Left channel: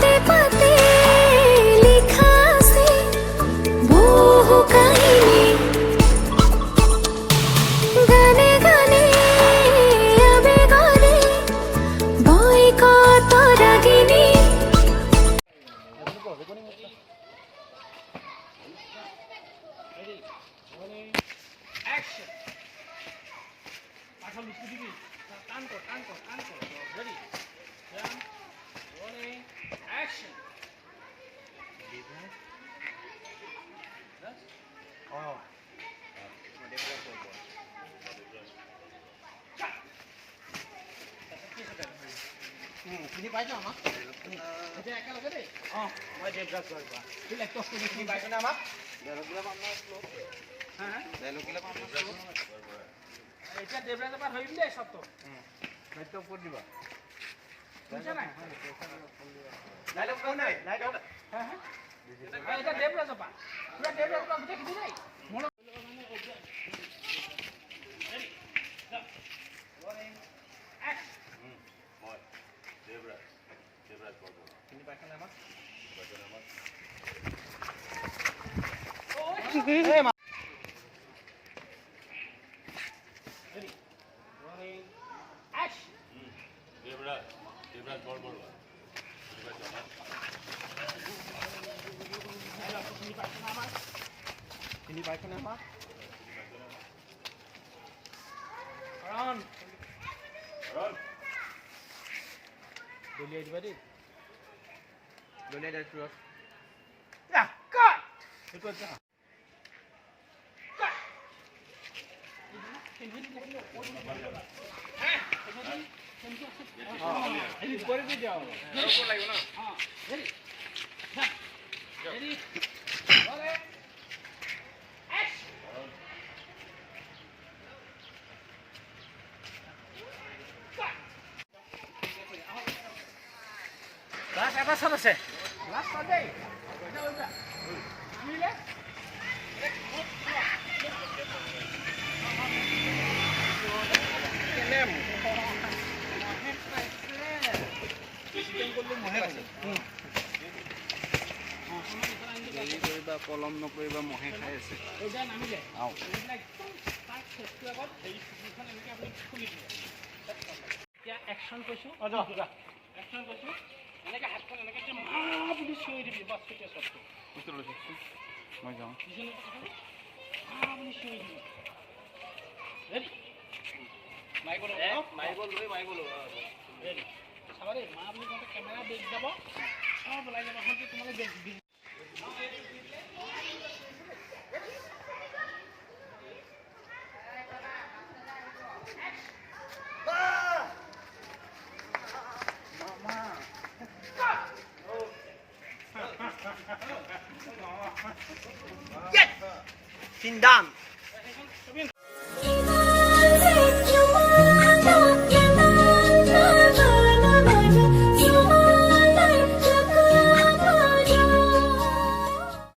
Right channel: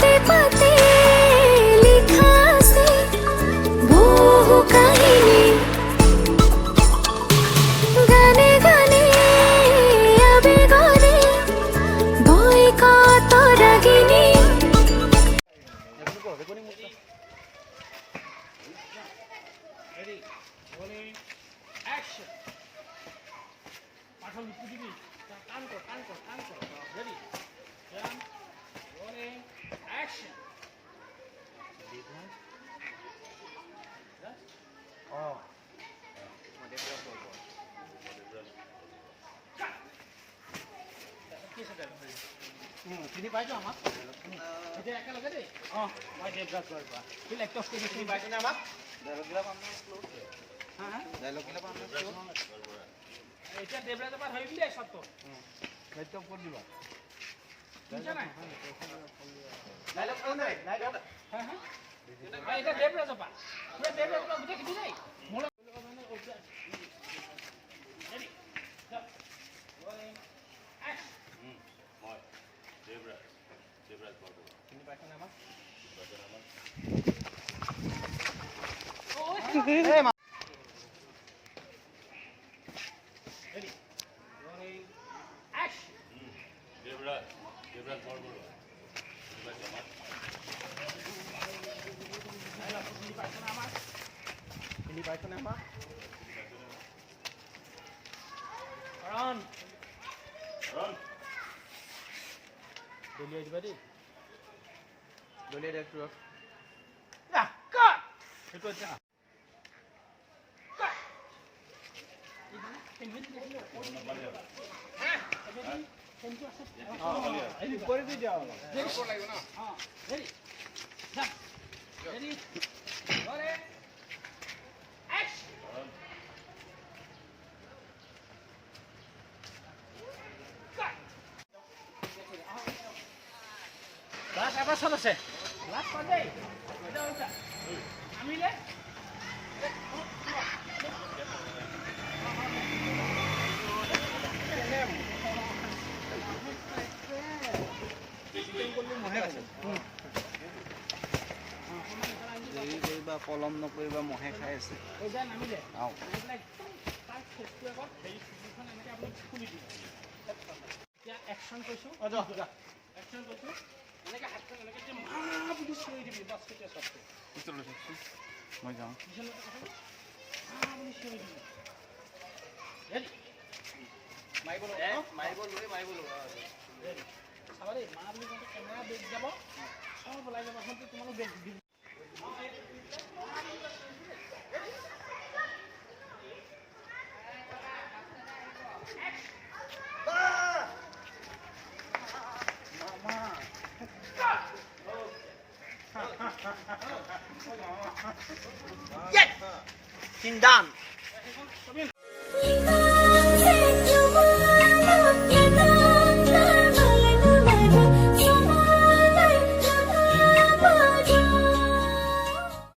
পাতে পাতে লিখা আছে বহু কাহিনী, গানে গানে আবেগরে বই কত রাগিনী। চিনি পাইছো আমাক এতিয়া একেলগে দেই মই দেৱৰাজ বৰপৰা তুই লেকটছ কৰি চিনি পাইছনে আমাক এতিয়া দেৱৰাজৰ পৰা ধৰিম দেই চবটো দায়িত্ব ক'ত দিবা বুজিছা নাই লাইলক কোন নাই লাইলক এতিয়া দেৱৰাজৰ পৰা পুৰা দেৱৰাজৰ পৰা গোটেই খুলি দেই মোৰ মানে দেৱৰাজ বৰপৰা চিনি পাইছনে আমাক দেৱৰাজ বৰবৰুৱা চিনি পাইছনে আমাক কাৰণ দলিয়াই দিবা দেই দলিয়াই দিছো সেইটো এতিয়া করে দিয়ে যাও লাগবে না লাস্ট আবার সব আছে লাস্ট কর দেই মিলে কলম নকৰিবা মহে খাই আছে একশন কৈছো একশন কৈছো এনেকে হাতখন এনেকে মা বুলি চিঞৰি দিবি বাছ কেতিয়া চবটো মই যাম মা বুলি চিঞৰি দিবি ৰেডি মাৰিব ৰেডি চাবাৰে মা বুলি কওঁতে কেমেৰা বেগ যাব সব ওলাই যাব এখন তোমালোক বেগ Yes! Sin done.